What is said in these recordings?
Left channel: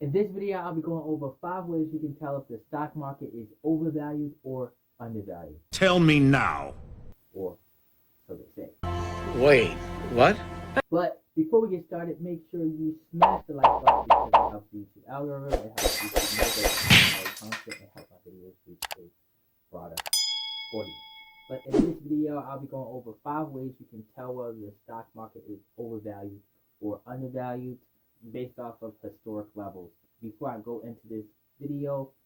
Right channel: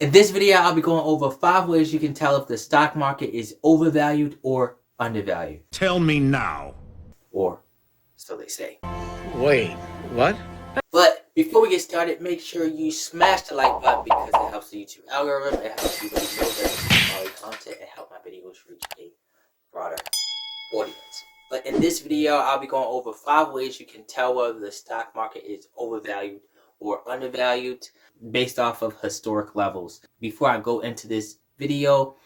In this video, I'll be going over 5 ways you can tell if the stock market is overvalued or undervalued. Tell me now. Or so they say. Wait, what? But before we get started, make sure you smash the like button because it helps the YouTube algorithm. It helps you to know that quality content and help my videos reach a broader audience. But in this video, I'll be going over 5 ways you can tell whether the stock market is overvalued or undervalued based off of historic levels. Before I go into this video,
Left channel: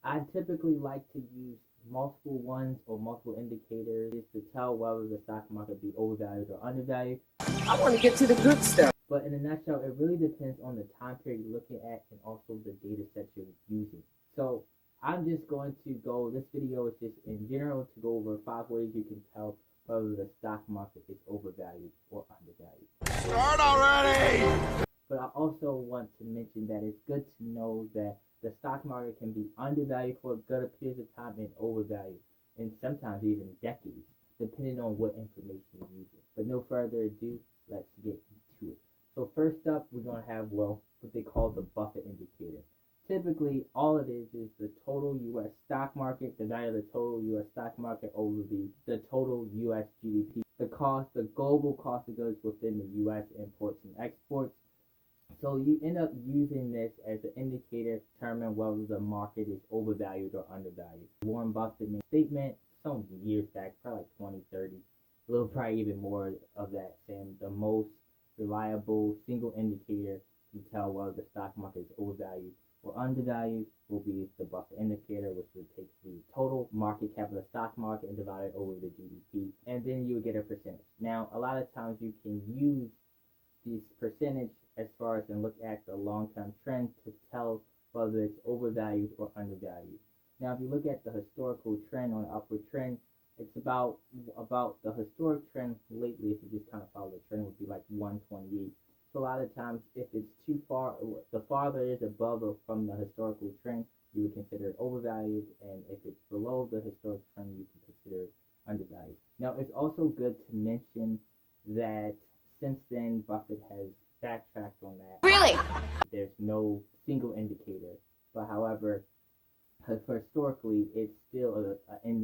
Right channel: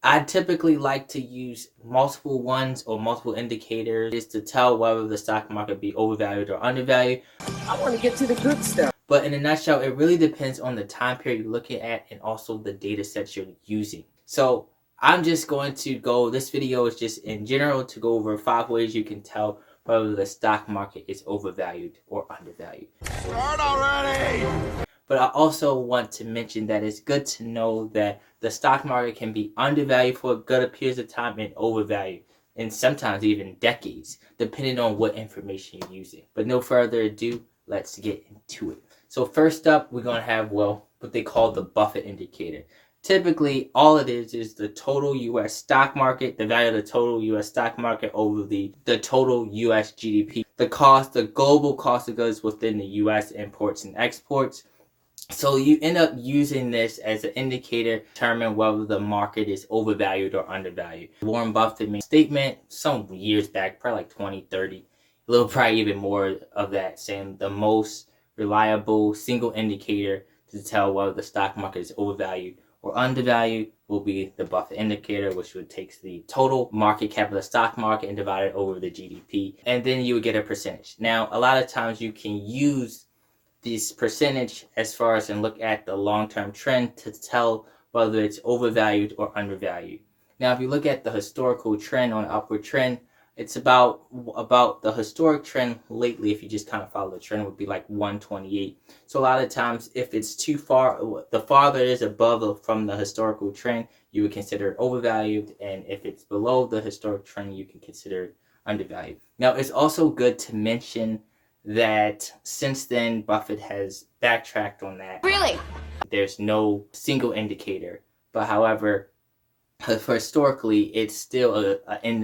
I typically like to use multiple ones or multiple indicators to tell whether the stock market be overvalued or undervalued. I want to get to the good stuff. But in a nutshell, it really depends on the time period you're looking at and also the data sets you're using. So I'm just going to go, this video is just in general to go over 5 ways you can tell whether the stock market is overvalued or undervalued. Start already! But I also want to mention that it's good to know that the stock market can be undervalued for good periods of time and overvalued, and sometimes even decades, depending on what information you're using. But no further ado, let's get into it. So first up, we're going to have, what they call the Buffett Indicator. Typically, all it is the total U.S. stock market, the value of the total U.S. stock market over the total U.S. GDP. The global cost of goods within the U.S. imports and exports. So you end up using this as an indicator to determine whether the market is overvalued or undervalued. Warren Buffett made a statement some years back, probably like 2030, a little probably even more of that, saying the most reliable single indicator to tell whether the stock market is overvalued or undervalued will be the Buffett Indicator, which would take the total market cap of the stock market and divide it over the GDP, and then you would get a percentage. Now, a lot of times you can use this percentage as far as and look at the long-term trend to tell whether it's overvalued or undervalued. Now, if you look at the historical trend on upward trend, it's about the historic trend lately, if you just kind of follow the trend, would be like 128. So a lot of times, if it's too far, the farther it is above from the historical trend, you would consider it overvalued, and if it's below the historic trend, you can consider it undervalued. Now, it's also good to mention that since then, Buffett has backtracked on that. Really? There's no single indicator, but however, historically, it's still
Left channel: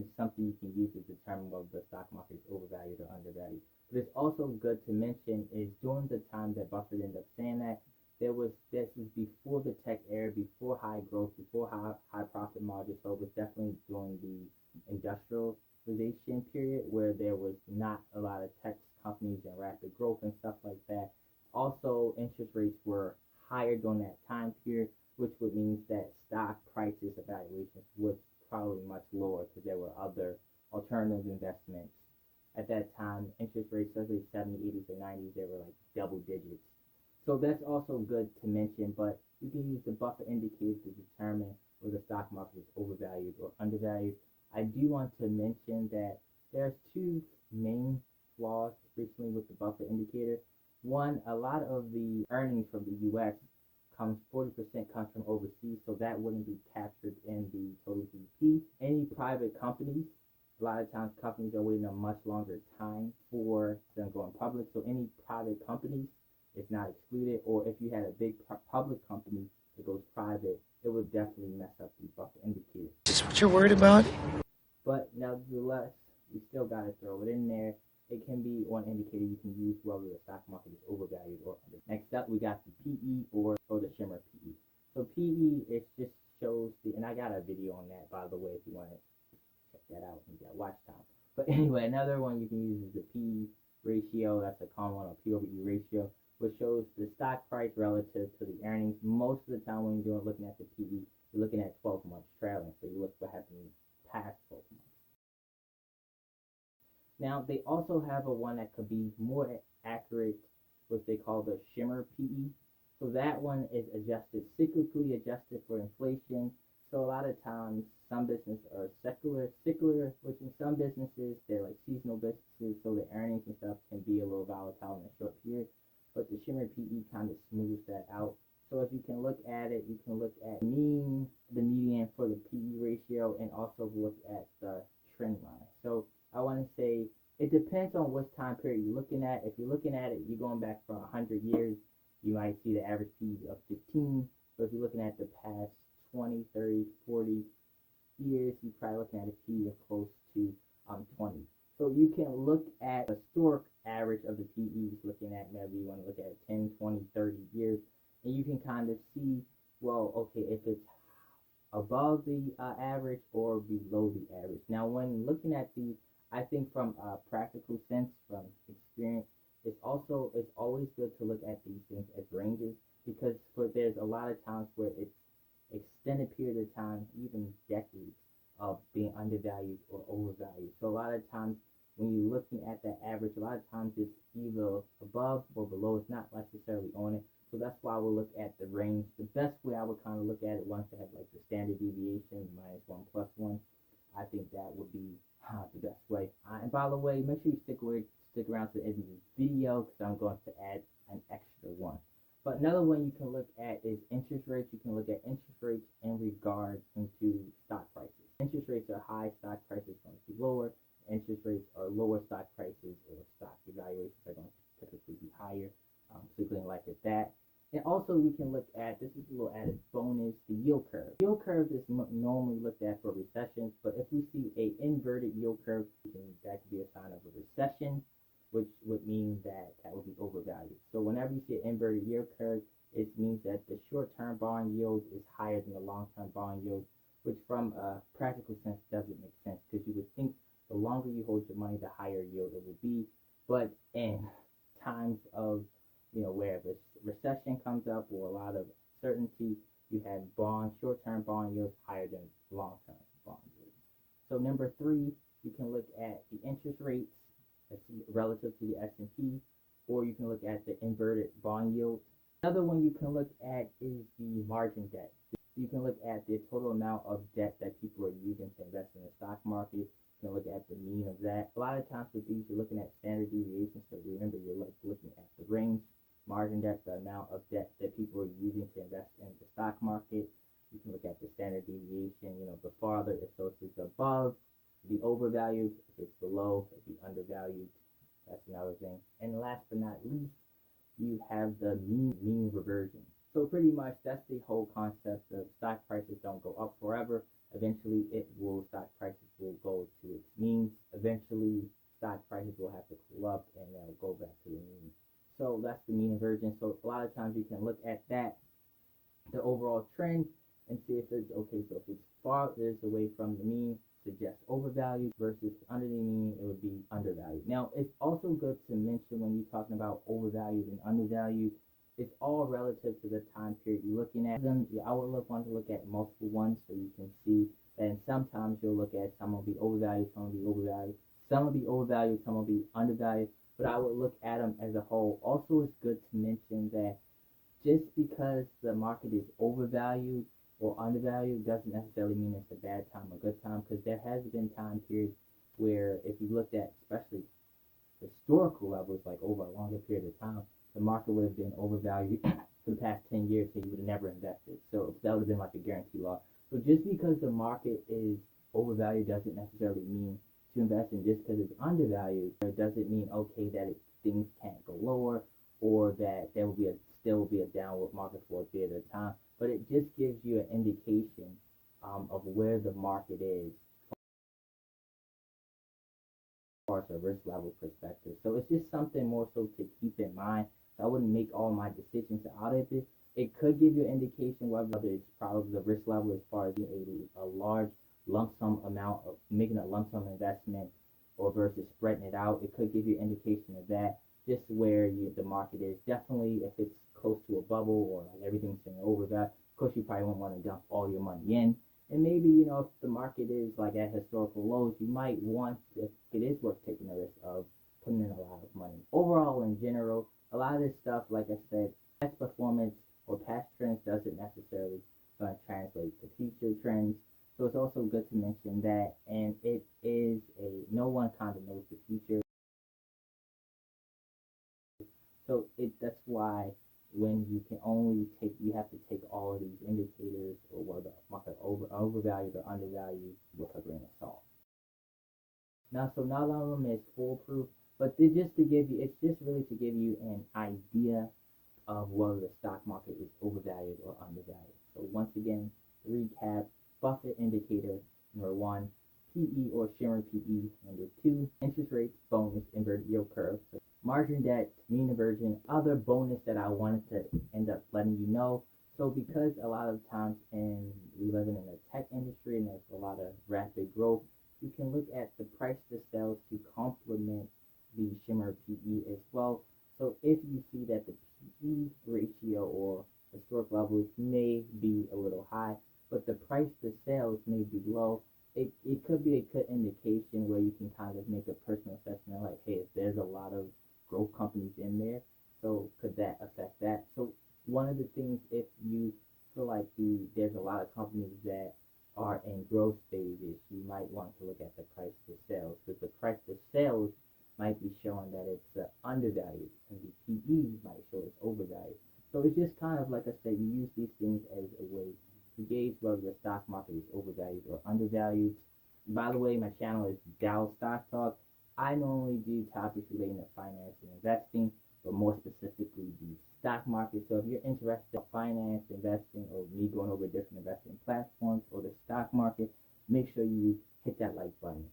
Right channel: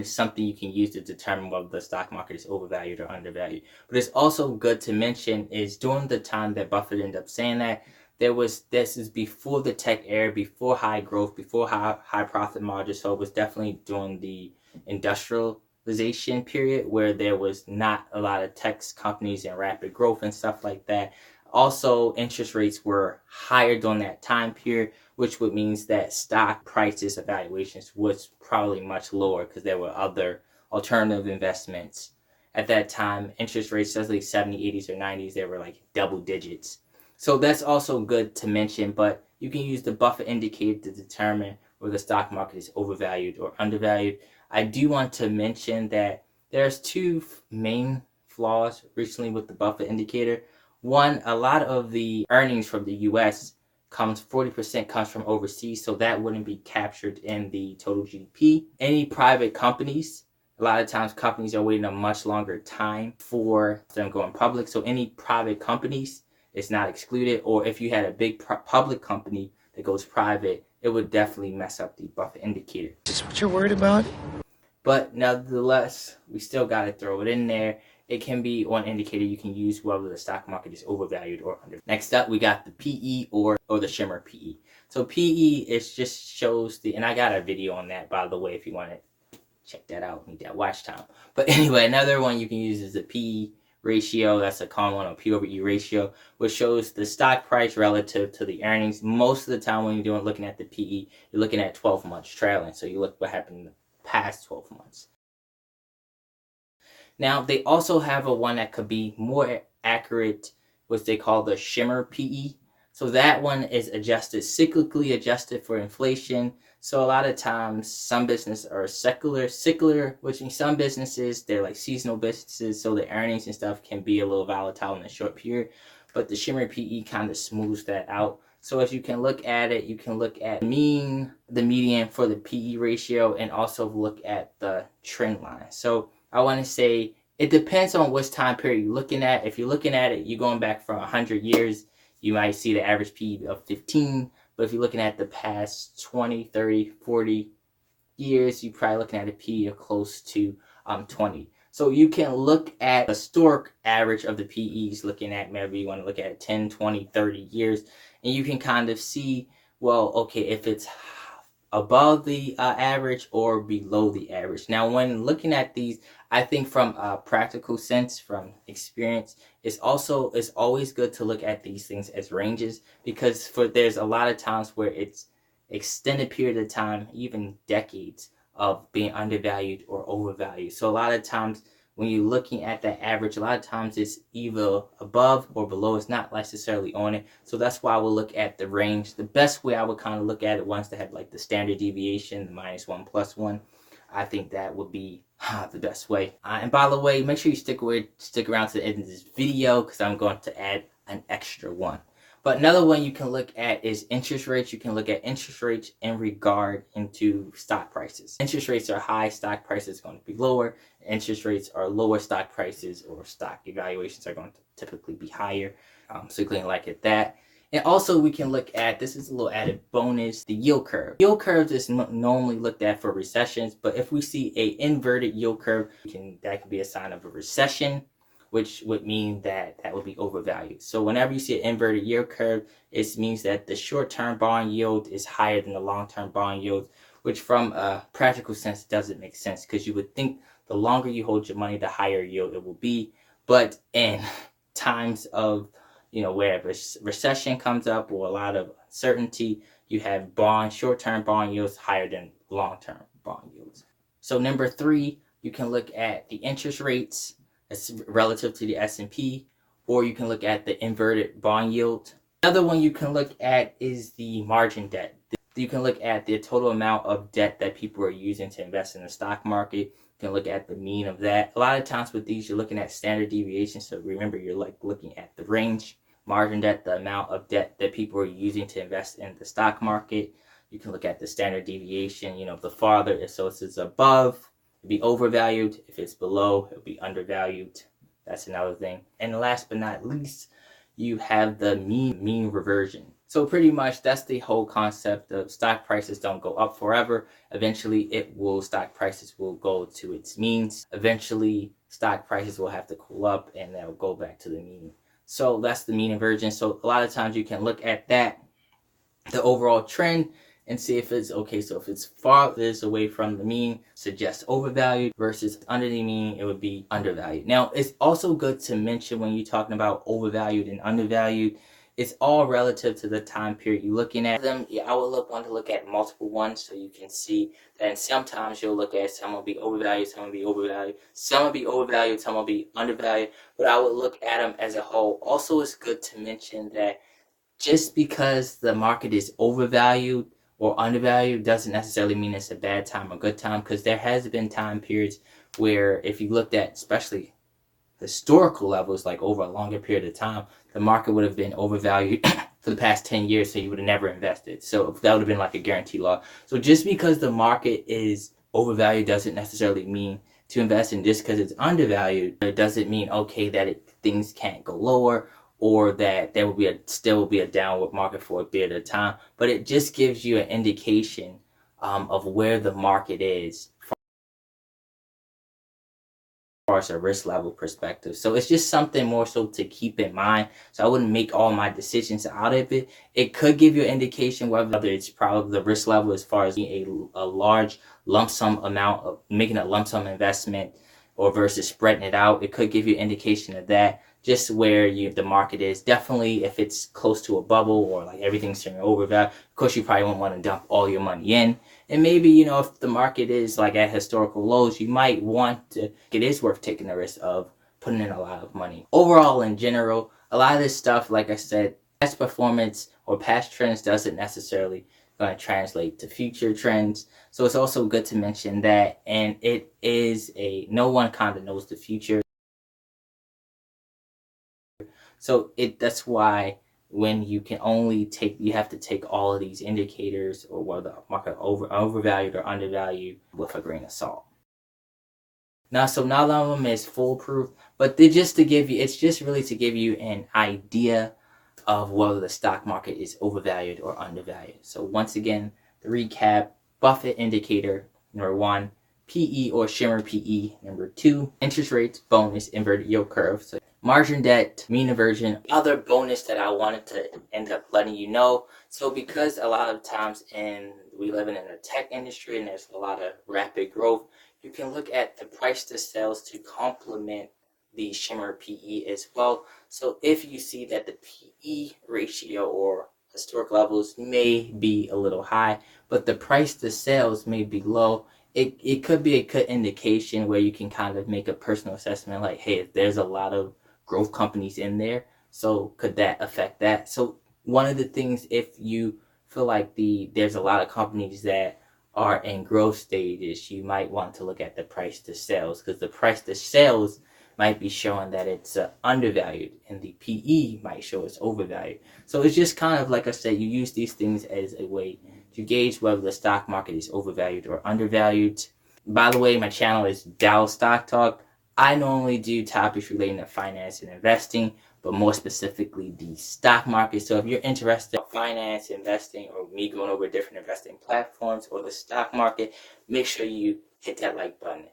something you can use to determine whether the stock market is overvalued or undervalued. But it's also good to mention is during the time that Buffett ended up saying that, this is before the tech era, before high growth, before high profit margins. So it was definitely during the industrialization period where there was not a lot of tech companies and rapid growth and stuff like that. Also, interest rates were higher during that time period, which would means that stock prices evaluations was probably much lower because there were other alternative investments. At that time, interest rates, especially 70s, 80s, or 90s, they were like double digits. So that's also good to mention, but you can use the Buffett Indicator to determine whether the stock market is overvalued or undervalued. I do want to mention that there's 2 main flaws recently with the Buffett Indicator. One, a lot of the earnings from the U.S. 40% comes from overseas, so that wouldn't be captured in the total GDP. Any private companies, a lot of times companies are waiting a much longer time for them going public, so any private companies is not excluded. Or if you had a big public company that goes private, it would definitely mess up the Buffett Indicator. Is this what you're worried about? But nevertheless, we still got to throw it in there. It can be one indicator you can use whether the stock market is overvalued or under. Next up, we got the PE or the shimmer PE. So PE just shows and I got a video on that, by the way, if you want to check that out, need that watch time. But anyway, another one you can use is the PE ratio. That's a common one, or P over E ratio, which shows the stock price relative to the earnings. Most of the time when you're looking at the PE, you're looking at 12 months trailing. So you look what happened in the past 12 months. Now, they also have a one that could be more accurate, which they call the shimmer PE. So that one is cyclically adjusted for inflation. So a lot of times, some businesses are secular, which means some businesses, they're like seasonal businesses, so the earnings and stuff can be a little volatile in a short period. But the shimmer PE kind of smooths that out. So if you can look at it, you can look at the median for the PE ratio, and also look at the trend line. So I want to say it depends on which time period you're looking at. If you're looking at it, you're going back for 100 years, you might see the average PE of 15. But if you're looking at the past 20, 30, 40 years, you're probably looking at a PE of close to 20. So you can look at the historic average of the PEs, looking at maybe you want to look at 10, 20, 30 years, and you can kind of see, well, okay, if it's above the average or below the average. Now, when looking at these, I think from a practical sense, from experience, it's always good to look at these things as ranges, because there's a lot of times where it's extended period of time, even decades of being undervalued or overvalued. So a lot of times when you're looking at that average, a lot of times it's either above or below. It's not necessarily on it. So that's why we'll look at the range. The best way I would kind of look at it, once they have like the standard deviation, the -1, +1, I think that would be the best way. And by the way, make sure you stick around to the end of this video, because I'm going to add an extra one. But another one you can look at is interest rates. You can look at interest rates in regard into stock prices. Interest rates are high, stock prices are going to be lower. Interest rates are lower, stock prices or stock evaluations are going to typically be higher. So you can look at that. And also we can look at, this is a little added bonus, the yield curve. Yield curve is normally looked at for recessions, but if we see a inverted yield curve, that can be a sign of a recession, which would mean that would be overvalued. So whenever you see an inverted yield curve, it means that the short-term bond yield is higher than the long-term bond yield, which from a practical sense doesn't make sense, because you would think the longer you hold your money, the higher yield it will be. But in times of, where a recession comes up or a lot of uncertainty, you have short-term bond yields higher than long-term bond yields. So number 3, you can look at the interest rates relative to the S&P, or you can look at the inverted bond yield. Another one you can look at is the margin debt. You can look at the total amount of debt that people are using to invest in the stock market. You can look at the mean of that. A lot of times with these, you're looking at standard deviation. So remember, you're looking at the range. Margin debt, the amount of debt that people are using to invest in the stock market. You can look at the standard deviation. The farther, if it's above, it'll be overvalued. If it's below, it'll be undervalued. That's another thing. And last but not least, you have the mean reversion. So pretty much that's the whole concept of stock prices don't go up forever. Eventually stock prices will go to its means. Eventually stock prices will have to cool up and they'll go back to the mean. So that's the mean reversion. So a lot of times you can look at that, the overall trend, and see if it's okay. So if it's farthest away from the mean, suggests overvalued, versus under the mean, it would be undervalued. Now, it's also good to mention when you're talking about overvalued and undervalued, it's all relative to the time period you're looking at them. I would want to look at multiple ones, so you can see that sometimes you'll look at some will be overvalued, some will be overvalued, some will be overvalued, some will be undervalued, but I would look at them as a whole. Also, it's good to mention that just because the market is overvalued or undervalued doesn't necessarily mean it's a bad time or good time, because there has been time periods where, if you looked at especially historical levels, like over a longer period of time, the market would have been overvalued for the past 10 years, so you would have never invested. So that would have been like a guarantee law. So just because the market is overvalued doesn't necessarily mean to invest in. Just because it's undervalued, it doesn't mean, okay, that things can't go lower, or that there will still be a downward market for a bit of time. But it just gives you an indication of where the market is far as a risk level perspective. So it's just something more so to keep in mind. So I wouldn't make all my decisions out of it. It could give you an indication whether it's probably the risk level as far as a large lump sum amount of making a lump sum investment or versus spreading it out. It could give you an indication of that, just where the market is. Definitely if it's close to a bubble or like everything's turning overvalued, of course you probably won't want to dump all your money in. And maybe, if the market is like at historical lows, you might want to, it is worth taking the risk of putting in a lot of money. Overall, in general, a lot of this stuff, like I said, past performance or past trends doesn't necessarily going to translate to future trends. So it's also good to mention that, and it is no one kind of knows the future. So that's why when you have to take all of these indicators, or whether the market overvalued or undervalued, with a grain of salt. Now, so none of them is foolproof, but it's just really to give you an idea of whether the stock market is overvalued or undervalued. So once again, the recap: Buffett Indicator, number 1, PE or shimmer PE, number 2, interest rates, bonus, inverted yield curve, so margin debt, mean reversion, other bonus that I wanted to end up letting you know. So because a lot of times we live in a tech industry and there's a lot of rapid growth, you can look at the price to sales to complement the shimmer PE as well. So if you see that the PE ratio or historic levels may be a little high, but the price to sales may be low, it could be a good indication where you can kind of make a personal assessment like, hey, there's a lot of growth companies in there, so could that affect that? So one of the things, if you feel like there's a lot of companies that are in growth stages, you might want to look at the price to sales, because the price to sales might be showing that it's undervalued and the PE might show it's overvalued. So it's just kind of like I said, you use these things as a way to gauge whether the stock market is overvalued or undervalued. By the way, my channel is Dow Stock Talk. I normally do topics relating to finance and investing, but more specifically the stock market. So if you're interested in finance, investing, or me going over different investing platforms or the stock market, make sure you hit that like button.